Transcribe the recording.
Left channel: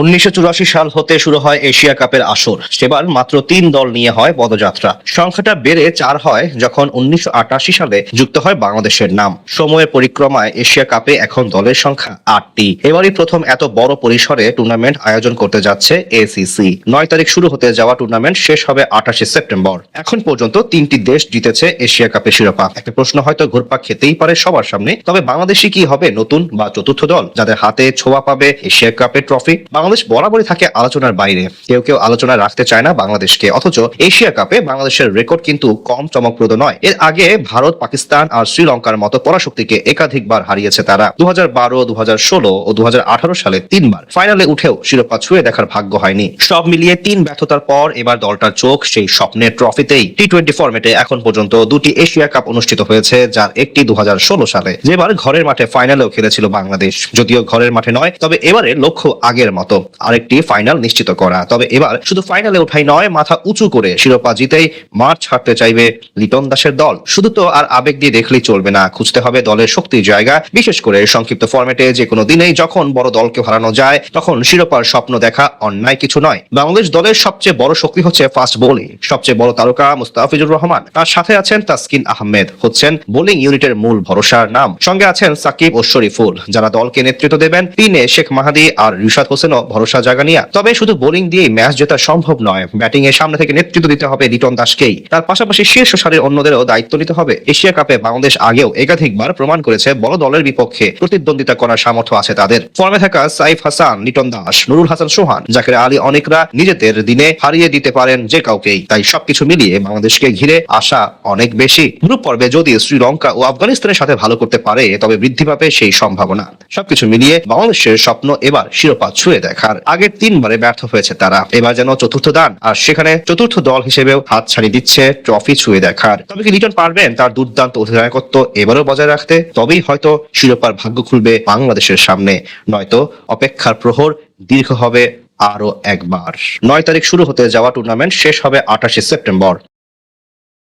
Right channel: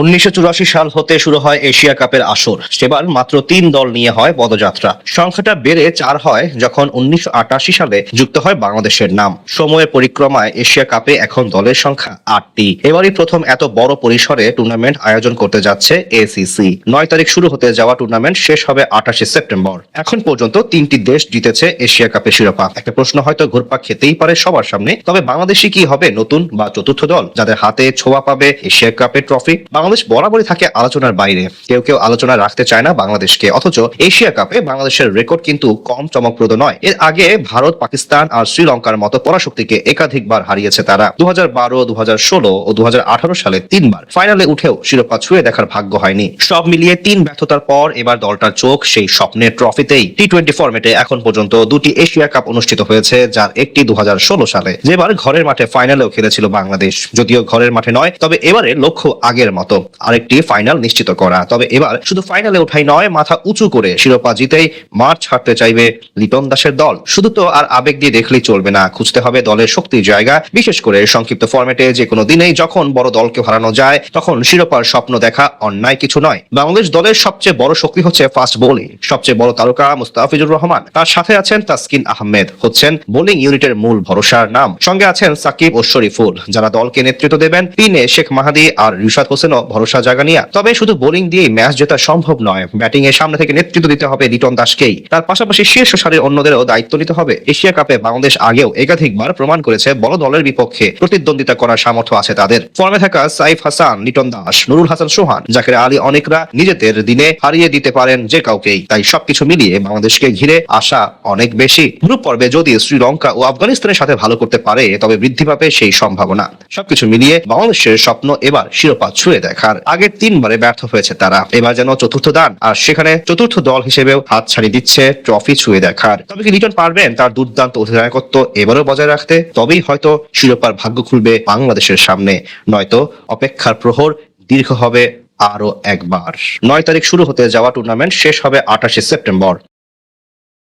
উনিশশো চুরাশি সাল হতে শুরু হয় এশিয়া কাপের আসর। সেবার মাত্র তিন দল নিয়ে হয় পদযাত্রা। সংখ্যাটা বেড়ে চার হয় যখন উনিশশো সালে যুক্ত হয় বাংলাদেশের নাম। সময়ের পরিক্রমায় এশিয়া কাপে এখন দলের সংখ্যা আটটি। এবারই প্রথম এত বড় পরিসরে টুর্নামেন্ট আয়োজন করতে যাচ্ছে এসিসি নয় তারিখ শুরু হতে যাওয়া টুর্নামেন্ট শেষ হবে আঠাশে সেপ্টেম্বর। এখন পর্যন্ত তিনটি দেশ জিতেছে এশিয়া কাপের শিরোপা। একটা প্রশ্ন হয়তো ঘুরপাক খেতেই পারে সবার সামনে। তবে বাংলাদেশি কি হবে নতুন বা চতুর্থ দল? যাদের হাতে ছোঁয়া পাবে এশিয়া কাপের ট্রফি? বাংলাদেশ বরাবরই থাকে আলোচনার বাইরে। কেউ কেউ আলোচনা রাখতে চায় না বাংলাদেশকে, অথচ এশিয়া কাপে বাংলাদেশের রেকর্ড কিন্তু কম চমকপ্রদ নয়। এর আগে ভারত, পাকিস্তান আর শ্রীলঙ্কার মতো পরাশক্তিকে একাধিকবার হারিয়েছে তারা। দু হাজার বারো দু হাজার ষোলো ও দুহাজার আঠারো সালে তিনবার ফাইনালে উঠেও শিরোপা ছুঁয়ে দেখার ভাগ্য হয়নি। সব মিলিয়ে তিন ব্যর্থতার পর এবার দলটার চোখ সেই স্বপ্নের ট্রফিতেই টি টোয়েন্টি ফর্মেটে এখন পর্যন্ত দুটি এশিয়া কাপ অনুষ্ঠিত হয়েছে, যার একটি দু হাজার ষোলো সালে। যেবার ঘরের মাঠে ফাইনালেও খেলেছিল বাংলাদেশ। যদিও ঘরের মাঠে নয়, তবে এবারের লক্ষ্য আগের মতো। আরেকটি ফাইনাল নিশ্চিত করা। তবে এবার শুধু ফাইনালে ওঠাই নয়, মাথা উঁচু করে শিরোপা জিতে মাঠ ছাড়তে চাইবে লিটন দাসের দল। শুধু তো আর আবেগ দিয়ে দেখলেই চলবে না, খুঁজতে হবে দলের শক্তির জায়গা। বিশেষ করে সংক্ষিপ্ত ফরম্যাটে যে কোনো দিনেই যখন বড় দলকে হারানো যায়, তখন শিরোপার স্বপ্ন দেখা অন্যায় কিছু নয়। বাংলাদেশ দলের সবচেয়ে বড় শক্তি হচ্ছে ফাস্ট বোলিং সবচেয়ে বড় তারকা মুস্তাফিজুর রহমান। তার সাথে আছেন তাসকিন আহমেদ, হচ্ছেন বোলিং ইউনিটের মূল ভরসার নাম। সঙ্গে আছেন সাকিব ও শরীফুল, যারা দলকে নেতৃত্ব দেবেন তিনে শেখ মাহাদি আর রিশাদ হোসেনও। ভরসা জাগানিয়া। তবে শুধু বোলিং দিয়েই ম্যাচ জেতা সম্ভব নয় ব্যাটিং এর সামনে থেকে নেতৃত্ব দিতে হবে লিটন দাসকেই। তার পাশাপাশি শীর্ষ সারির অন্যদেরও দায়িত্ব নিতে হবে। এশিয়া কাপে বাংলাদেশ আগেও একাধিকবার প্রমাণ করেছে বড় দলের বিপক্ষে। প্রতিদ্বন্দ্বিতা করার সামর্থ্য আছে তাদের। ফর্মে থাকা সাইফ হাসান, লিটন দাস, নুরুল হাসান সোহান, জাকের আলী অনেকরা নিজেদের দিনে হারিয়ে দিতে পারেন যে কাউকেই। তাই সবকিছু মিলিয়ে বাংলাদেশকে ঘিরে আশা অনেক বেশি। গ্রুপ পর্বে যদি শ্রীলঙ্কা ও আফগানিস্তানের সাথে ভালো করতে পারে, তবে বৃদ্ধি পাবে সেই সম্ভাবনা। সবকিছু মিলিয়ে বাংলাদেশের স্বপ্ন এবার শিরোপা ছুঁয়ে দেখার আগের তিনবারে ব্যর্থ হয়েছে তারা। এবার যেন চতুর্থ দান। আর সেখানে চতুর্থ দল হিসেবেও হাত ছাড়িয়ে দিচ্ছে ট্রফি ছুঁয়ে দেখার। তবে কি লিটন পারবেন, তার দুর্দান্ত অধিনায়কত্ব এবারও বজায় রাখতে, তবেই হয়তো শিরোপার ভাগ্য খুলবে বাংলাদেশের সামনে। নয়তো অপেক্ষার প্রহর দীর্ঘ হবে আরও একবার। নয় তারিখ শুরু হতে যাওয়া টুর্নামেন্ট শেষ হবে আঠাশে সেপ্টেম্বর।